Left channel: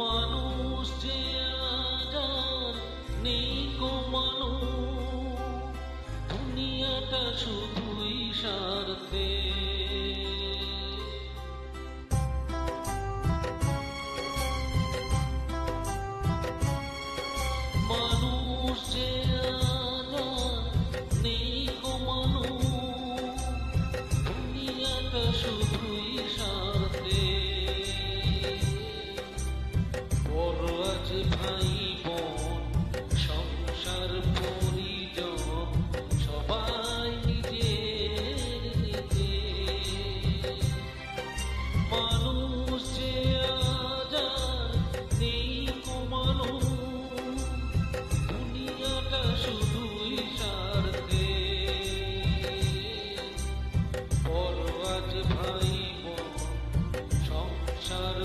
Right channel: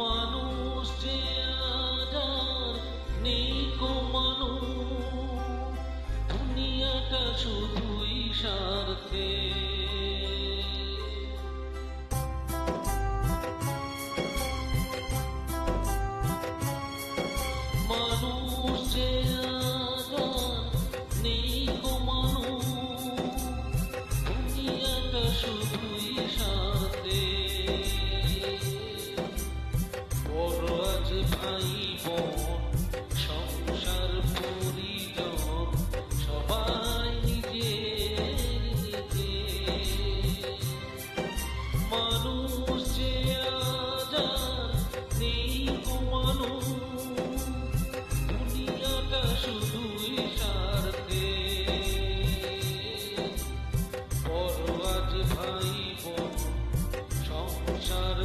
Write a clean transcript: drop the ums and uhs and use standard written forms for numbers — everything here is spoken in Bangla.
মানুষ যে আজ আর নেই কো মানুষ, দুনিয়াটা শুধুই স্বার্থে। মানুষ যে আজ আর নেই কো মানুষ, দুনিয়াটা শুধুই স্বার্থে। বড় আজ ভাই বোন সংসার পরিজন সবাই নিজের নিজে। মানুষ যে আজ আর নেই কো মানুষ, দুনিয়াটা শুধুই স্বার্থে। বড় আজ ভাই বোন সংসার